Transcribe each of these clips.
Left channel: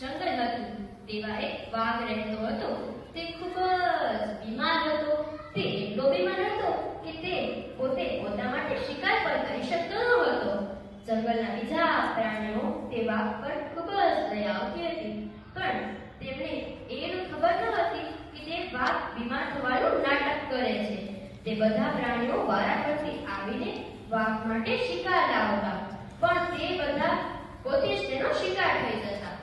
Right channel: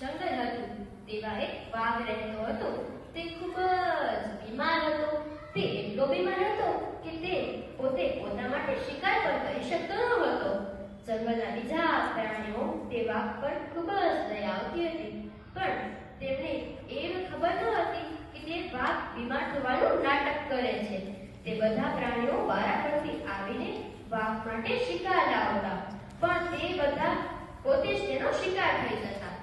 જંગલ હતું તેમાં એક વાઘ રહેતો હતો. તે ખૂબ જ બીમાર હતો. તે એટલો બીમાર હતો કે તે પોતે પોતા માટે શિકાર પણ કરી શકતો ન હતો. જંગલના બીજા પ્રાણીઓ તે વાઘ પર ખૂબ જ દયા આવતી હતી, પણ તેમને એ ખબર ન હતી કે તે વાઘ બીમાર થવાનું નાટક કરે છે. તે બધા પ્રાણીઓ વારાફરતી આવીને વાઘ માટે શિકાર લાવતા, પણ તે બધા પોતે જ તેનો શિકાર થઈ જતા.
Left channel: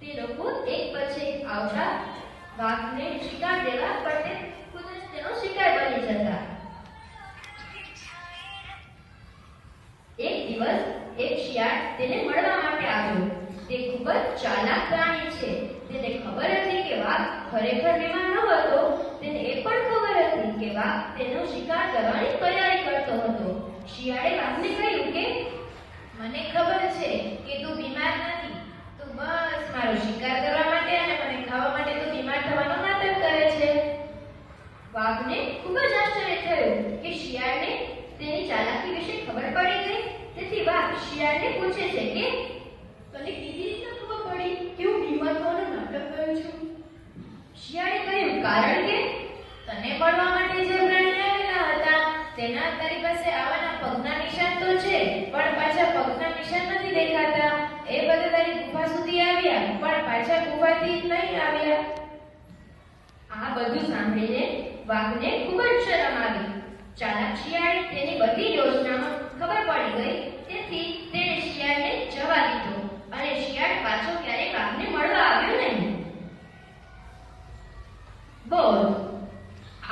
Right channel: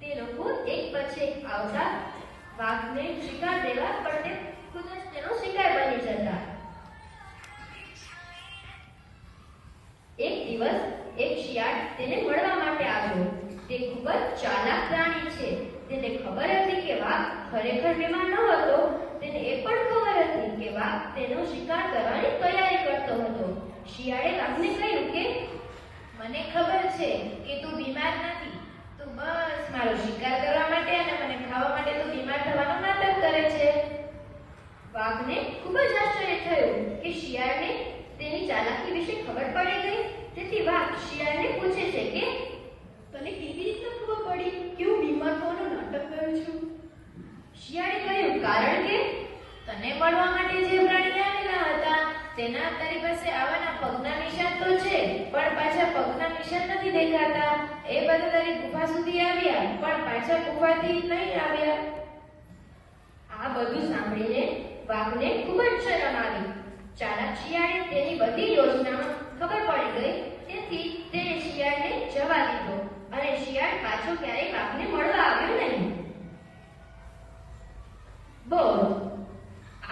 તે લોકો એક પછી આવતા વાઘને શિકાર દેવા, પણ તે ખુદ જ તેનો શિકાર બની જતા. એક દિવસ એક શિયાળ તેને મળવા માટે આવ્યો. તે ખૂબ જ ચાલાક પ્રાણી છે. તેને ખબર હતી કે વાઘ ખરેખર બીમાર ન હતો. તેને એ પણ ખબર હતી કે વાઘ તેનો શિકાર કરવાની તૈયારી કરતો હતો. શિયાળે વાઘને કહ્યું કે મને ખબર છે કે તું બીમાર નથી. તું બસ મારો શિકાર કરવા માટે અને મને ખાવા માટે તું બીમાર થવાનું નાટક કરે છે. વાઘને ખૂબ જ આશ્ચર્ય થયું કે શિયાળને તેની ચાલાકી વિશે ખબર પડી ગઈ. તેથી વાઘ શિયાળને પૂછે છે કે તને કેવી રીતે ખબર પડી કે હું બીમાર થવાનું નાટક કરું છું? શિયાળે કહ્યું, કારણ કે તને મળવા માટે જે પ્રાણી આવેલા હતા તેના તારી પાસે આવવાના પગના નિશાન તો છે, પણ પાછા પગના નિશાન નથી દેખાતા. એ બધા તારી ગુફા સુધી આવ્યા, પણ પાછા ગુફાથી નહીં આવ્યા. આ બધું સાંભળીને વાઘને ખૂબ જ શરમ આવી. ચાલાક શિયાળે તેની બધી યોજનામાં ખબર પડી ગઈ. તેથી તેણે શિયાળને જવા દીધો અને શિયાળ પાછો ક્યારેય વાઘને મળવા આવ્યો નહીં. બોલ,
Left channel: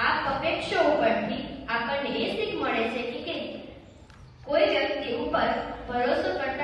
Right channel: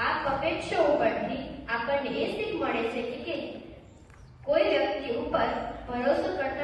આ પપેટ શો ઉપરથી આપણને એ શીખ મળે છે કે કોઈ વ્યક્તિ ઉપર ભરોસો કરતા